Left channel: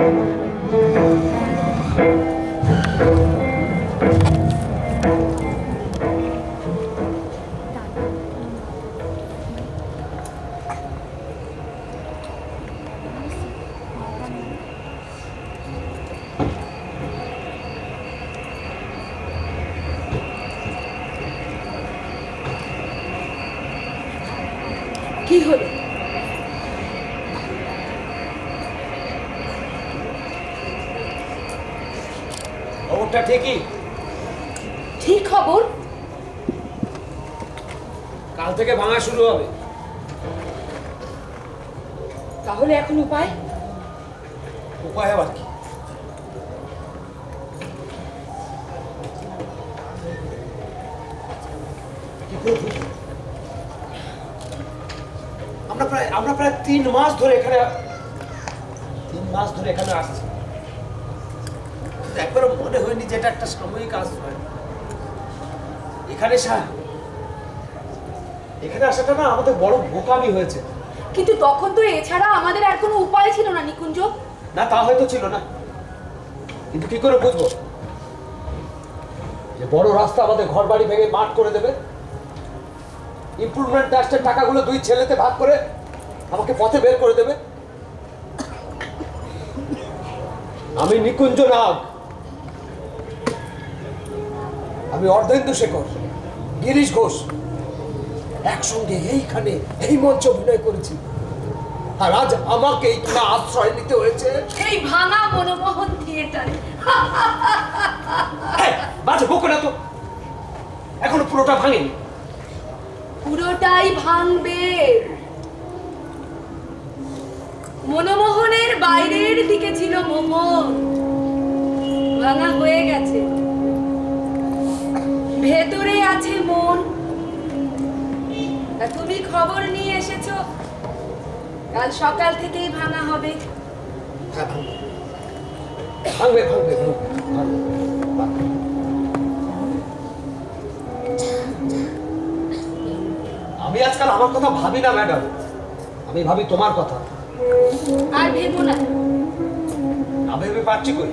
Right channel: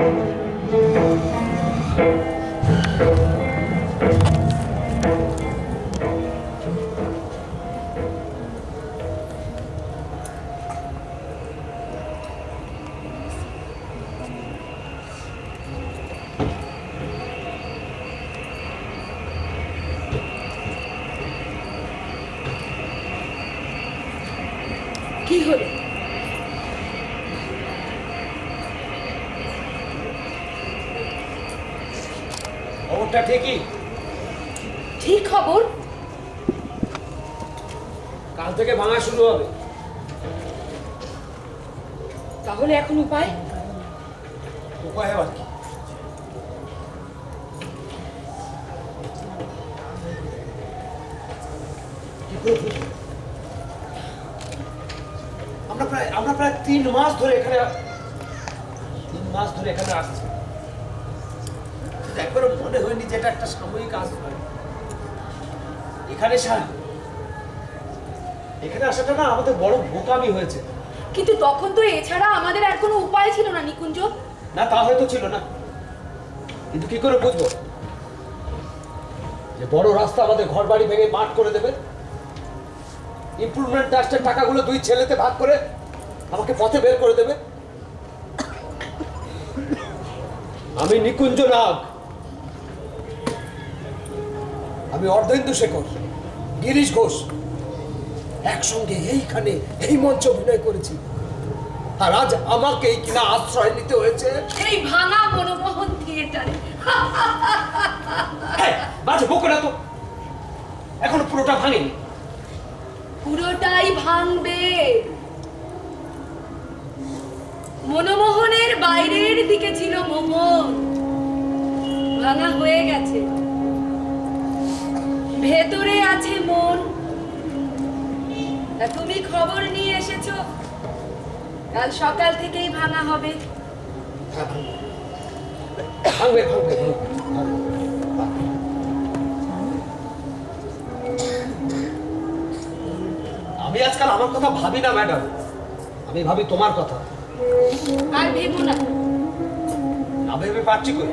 কি হলো? খবরটা ঠিকই। ঠিক খবর? কাল থেকে ভাঙা শুরু হবে। তাহলে এখন উপায়? উপায় আবার কি? আমরা প্রায় 3 মাস ধরে এখানে আসছি। একবারও মনে হয়নি যে এটা একটা সাময়িক আশ্রয়। এখানে আসাটা না আমাদের বড় বোকামি হয়েছে। কিন্তু তখন তো এছাড়া আমাদের আর কোনো উপায় ছিল না নিকুঞ্জ। না, তা হয়তো ছিল না, কিন্তু কি করে বুঝবো যে বড় রাস্তা আমাদের ঘর বাড়ি ভেঙে মাঠ করে দেবে? ইমপ্রুভমেন্ট ট্রাস্টের টাকাগুলো 2 ছেলেতে ভাগ করে আমাকে পথে বের করে দেবে? আমি নিকুঞ্জ নাগ, আমি অর্ধেন্দু শেখর, গিরিশ ঘোষ একসঙ্গে এইখানে এই মঞ্চ অভিনয় করেছি, আর আজ আমাকে কিনা আশ্রয় নিতে হয়েছে এই ভাঙা মনমোহন থিয়েটারে। বাজে বকো না তো, এখনো পুরোটা ভাঙেনি। পুরোটাই ভাঙবে। মনমোহনের বাইরের দিকে ছিল মোহন, ভাঙা হয়ে গেছে। ভেতরে আছে মন। তা তুমি খবর নিয়ে এসেছো কাল সকাল থেকেই ভাঙা হবে। হ্যাঁ, ভাঙবে। আমি আজকাল আমার কথা ভাবি না ম্যাডাম, আমি ভাবি তোমার কথা। আর ভেবো না। না ভেবে পারছি কই?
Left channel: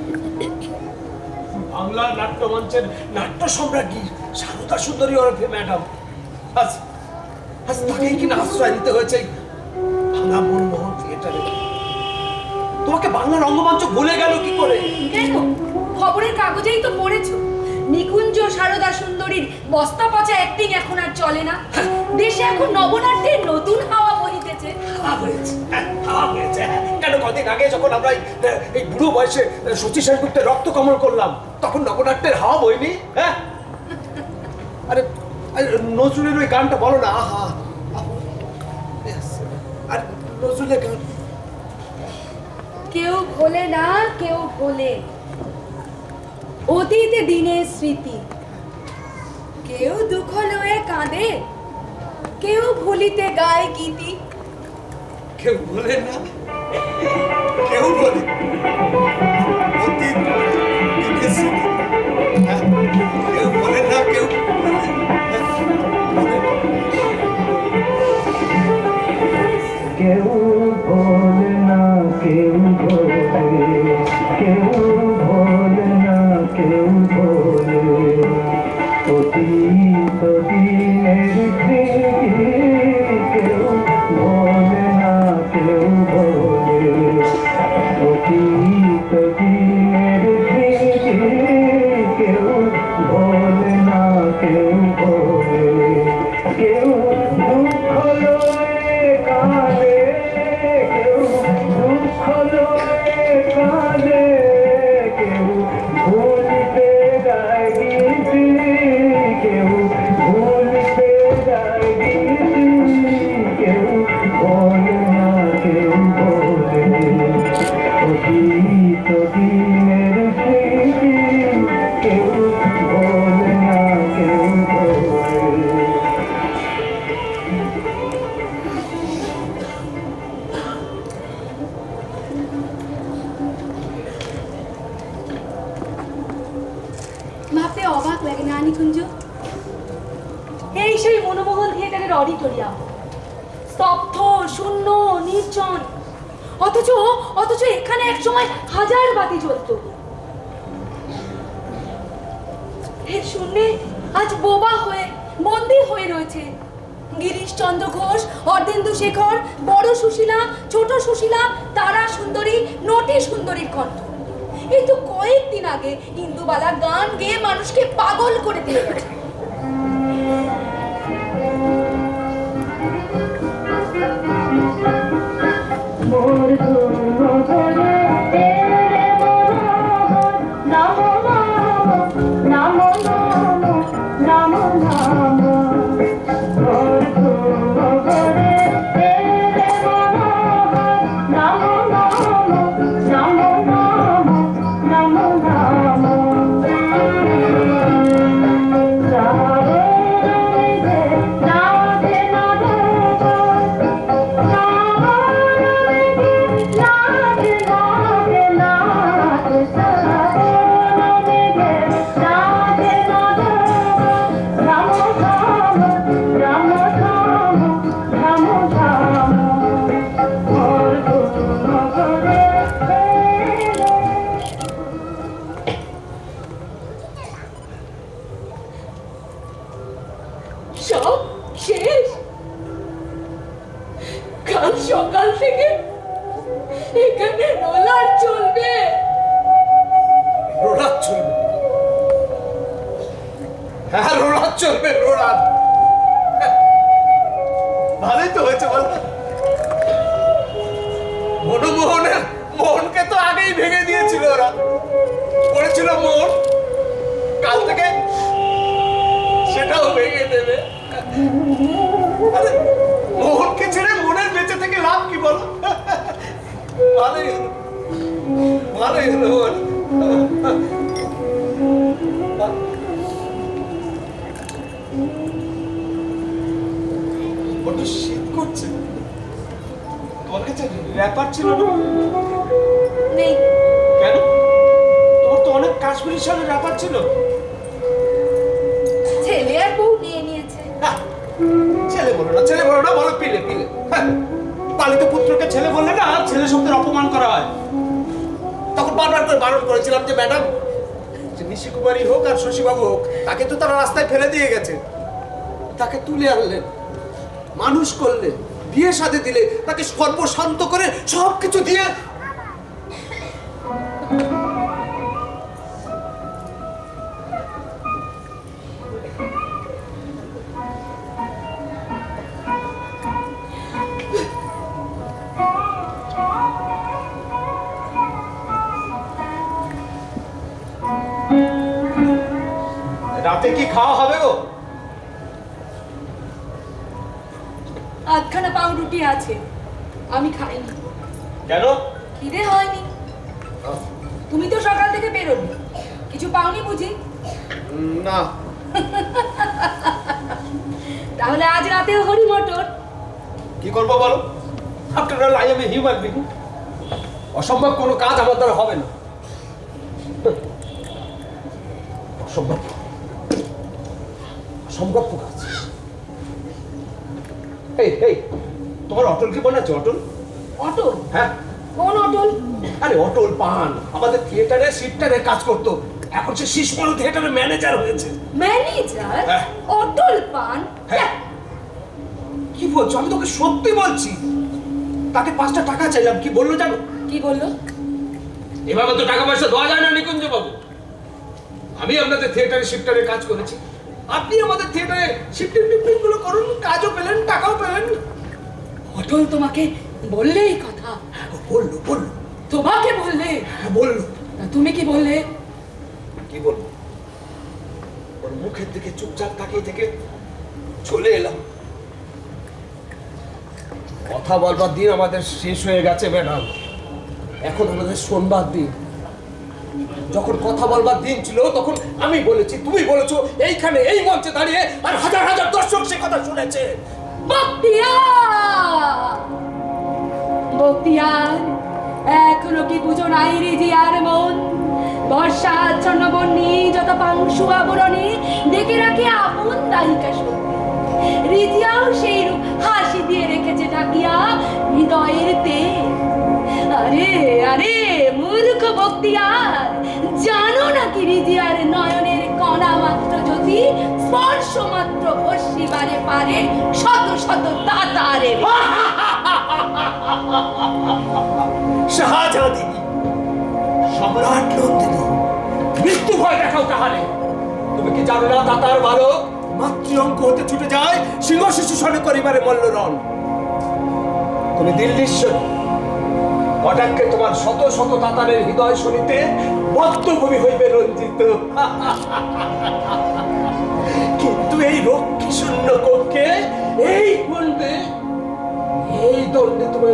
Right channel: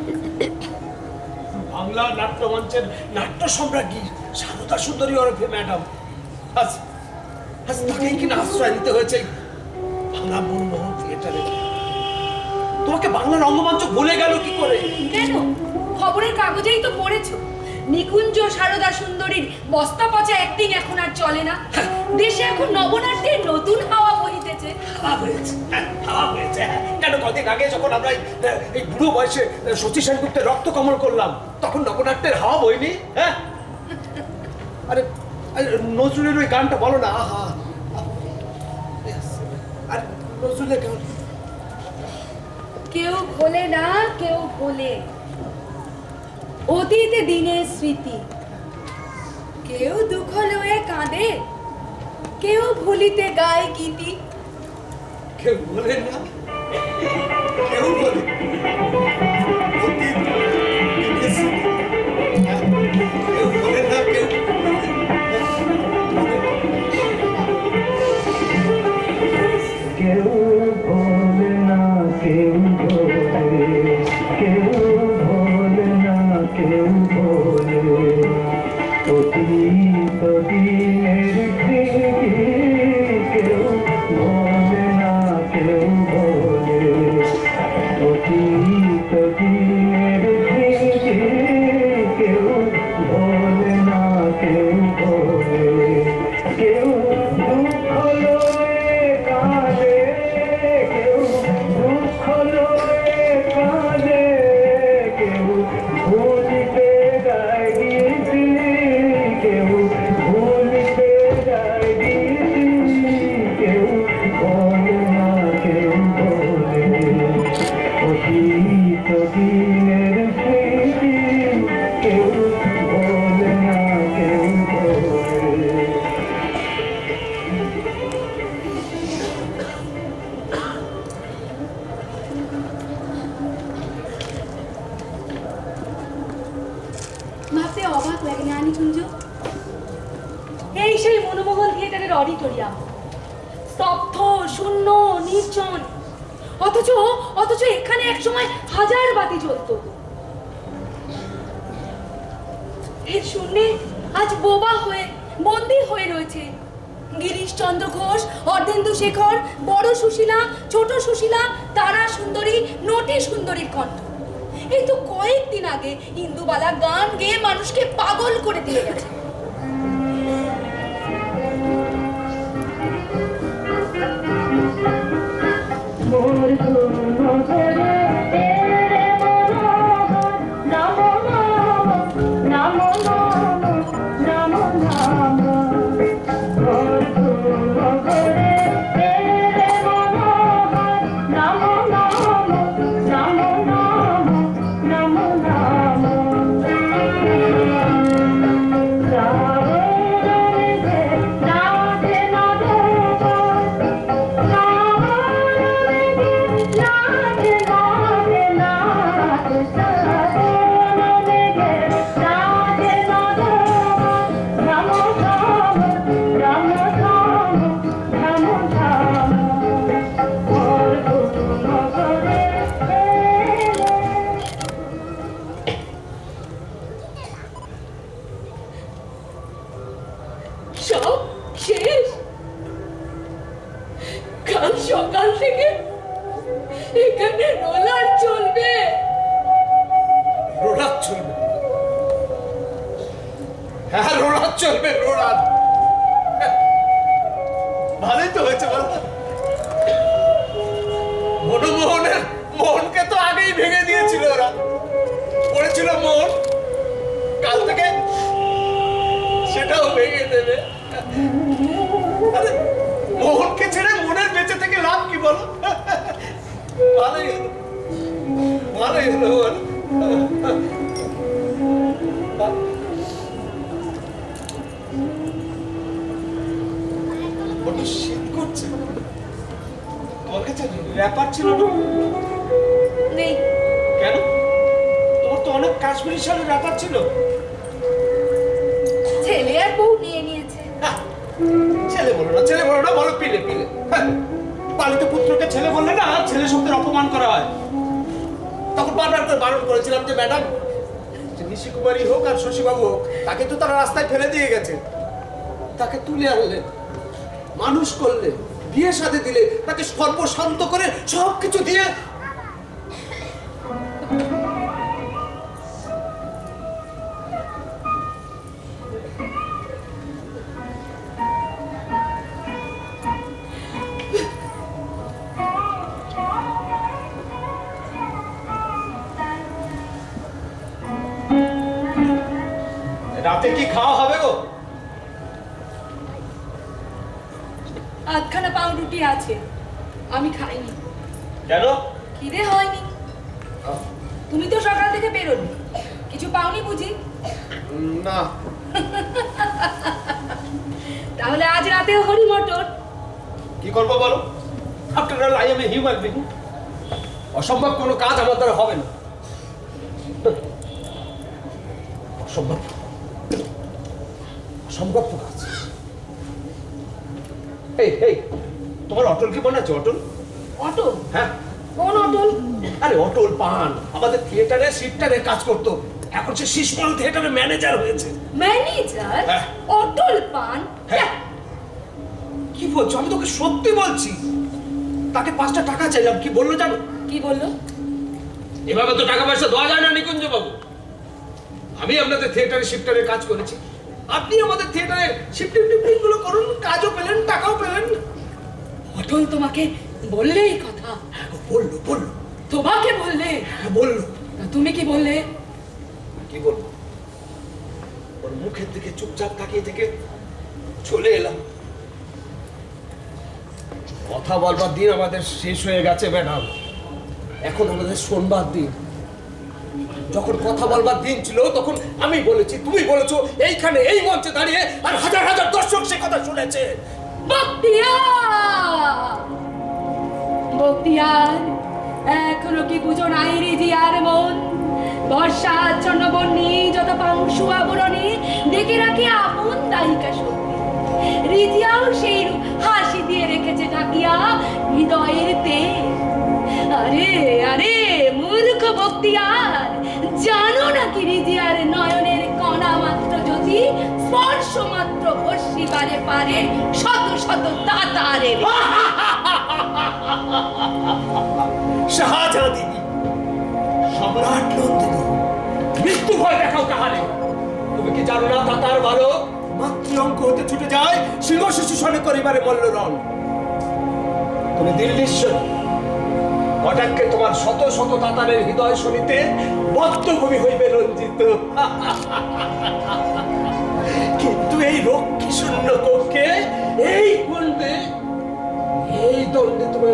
বাংলা নাট্যমঞ্চের নাট্য সম্রাজ্ঞী সারদা সুন্দরী ওরফে ম্যাডাম, আজ তাকেই কিনা আশ্রয় নিতে হয়েছে ভাঙা মনমোহন থিয়েটারে। তোমাকে বাংলা রঙ্গমঞ্চ ভুলে গেল কি করে? কেন? খবরের কাগজেই তো পড়েছো নিকুঞ্জ সারদা সুন্দরীর বস্তা পচা অ্যাক্টিং এখন আর চলে না। দেশে এখন নবনাট্যের নতুন হাওয়া বহিতেছে। হাওয়া হয়েছে। কেন কদিন আগে যখন আমরা এই বুড়ো বয়সে শচী সেনগুপ্তের রক্ত কমল করলাম, তখন নবনাট্যের হাওয়া বইনি? হ্যাঁ, আরে নজরুলের ওই গানটা বলো না। আহা, আর নজরুলের গান কেউ ভোলে না, কেউ ভোলে অতীত দিনের স্মৃতি। কেউ দুঃখ লয়ে কাঁদে, কেউ ভুলিতে গায় গীতি। কেউ বলে না, কেউ বলে অতীত দিনের স্মৃতি। হ্যাঁ, কেউ বলে না, কেউ কেউ ভোলে না, কেউ ভোলে, কেউ ভোলে না, কেউ ভোলে অতীত দিনের স্মৃতি। কেউ ভোলে না, কেউ ভোলে অতীত দিনের স্মৃতি। কেউ ভোলে না, কেউ ভোলে। কেউ দুঃখ লয়ে কাঁদে, কেউ দুঃখ লয়ে কাঁদে, কেউ ভুলিতে যায় গীতি, কেউ ভুলিতে যায় গীতি। কেউ বলে না, কেউ বলে অতীত দিনের স্মৃতি। কেউ বলে না, কেউ বলে। ভাবতে অবাক লাগে না নিকুঞ্জ? এই সেই মনমোহন থিয়েটারের অডিটোরিয়াম, স্তব্ধ, শূন্য, নির্জন। অথচ অথচ এখানে এক সময় হাজার বাতি জ্বলতো। এর শূন্যে আজ বোবা হয়ে বন্দী হয়ে রয়েছে গিরিশচন্দ্র ঘোষ, অর্ধেন্দু শেখর, বড় সুশীলা, ছোট সুশীলা, তারা সুন্দরী, নটি সুন্দরীর কণ্ঠ। এই তো কয়েকদিন আগে ইন্দুবালা গান গেয়ে মানুষকে পাগল করে দিয়ে গেছে। মোর ধরে তেরে মনোহর নাম নাম নাম নাম নাম মোর ধরে তেরে মনোহর নাম নাম নাম নাম নাম নাম রাধে রাধে সব শেষ। কাল সকাল থেকে এখানে রোলার চলবে। রোলার চলবে? হ্যাঁ, রোলার চলবে, রোলার। ভালোই তো হয়েছে বল। মনমোহনের মোহনকে তো আগেই ভেঙে দিয়েছিল ওরা। পড়েছিল মোহন, কাল থেকে সেটাও ভেঙে দেবে। আরে মোহনকে ছেড়ে মনের বেঁচে থেকে লাভ কি বলো? ভালোই হলো, ভালোই হলো বল। বড্ড শীত করছে। তোমার কাছে র্যাপার ছিল না? নেই। কেন? তোমার তো অনেক কাশ্মীরি শালের র্যাপার ছিল। ছেলে আর বউ নিয়ে নিয়েছে। ছেলে বলো না, ছেলে বলো না, বলো পিলে পিলে। পালিত পুত্রকে ছেলে বললে না ছেলে শব্দের অপমান করা হয়। তখন বারবার করে বারণ করেছিলাম যে ম্যাডাম, নিশি কুমারী হোক আর শশীবাবু হোক, তাকে তো তারা রাস্তায় ফেলে দিয়ে গেছে। তাকে তুলে আনলেন, মানুষ করলেন, বিয়ে শাদী দিলে, তাকে সর্বশান্ত করে সবকিছু দিয়ে রাতে কি খাওয়া হবে গো? আধখানা পাউরুটি আছে, আমি খাইনি। কেন? খিদে হয়নি। তুমি তো সকাল থেকে বেরোনি, কিছু পাওনি বুঝি? না। তাহলে আজ রাতেও হরি মটর। কি করবো বলো? After all I M a human being. অসম্ভব কোনো কাজ আমার দ্বারা হবে না। অসম্ভব, অসম্ভব কাজ। এই এই, তোমার অটল কি মনে আছে? অটল? অটল? হ্যাঁ। কোন অটল? আরে অটল পান আমাদের থিয়েটারে শিফটারে কাজ করতো, এখন সে শিশমাল থিয়েটারের ম্যানেজার হয়েছে। ম্যানেজার? হ্যাঁ। অটল পান? হ্যাঁ। কি বলছো? আমি তোকে সত্যি বলছি। তাকে 5টা টাকা চাইলাম, কি বললো জানো? কি বললো? এভাবে তো টাকা পয়সা দেওয়া যায় না নিকুঞ্জ বাবু। আমি আপনাদের থিয়েটারে শিফটারে কাজ করেছি, আপনি আমাদের থিয়েটারে শিফটিং টিফটিং গুলো করুন, কাজও পেলেন, টাকাও পেলেন। অটল তোমাকে বললে এই কথা? হ্যাঁ বললো, বললো। তোমাকে বললে? হ্যাঁ বললো। তুমি কি বললে? কি বলবো? ওর মুখের দিকে চুপচাপ তাকিয়ে থেকে চলে এলাম। কথা বলবার দিন আমাদের শেষ হয়ে গেছে ম্যাডাম, এখন আমাদের শোনবার দিন। যখন কথা বলবার দিন ছিল তখন আমি বলেছি, তুমি বলেছো, এইখানে এই মঞ্চে দাঁড়িয়ে, আর হাজার হাজার দর্শক সে কথা শুনেছে। বক্তিয়ার, বক্তিয়ার, এখনো কি বুঝো নাই রিজিয়ার মন? বর্ষা আচ্ছন্ন বন্যি যত পাংশু আবরণী ডেকে রাখে আপন দায়িকা শক্তি। রিজিয়াও সেই রূপ হাসি দিয়ে রেখেছে ঢাকিয়া হৃদয়ের তেজ। আরে আরে মূর্খ বক্তিয়ার, জানো না কি রিজিয়ার নয়নের কণা মাত্র যদি স্পর্শ মাত্র ভস্মিবারে পারে শত শত তাতারে। শাহজাদি, সম্রাট নন্দিনী, মৃত্যু ভয় দেখাও তাহলে। তুমি কি জানো না তাতার বালক মাতৃঅঙ্ক হতে ছুটে যায় সিংহ শিশু সনে করিবারে মল্লরণ। তুমি দিল্লীশ্বরী, কটাক্ষে তোমার শত শত তাতারের হৃদয় শুনিতে বদ্ধভূমি হইবে রঞ্জিত। কিন্তু এই রক্ষী শূন্য কক্ষে এই কুণ্ডে এই দণ্ডে তুমি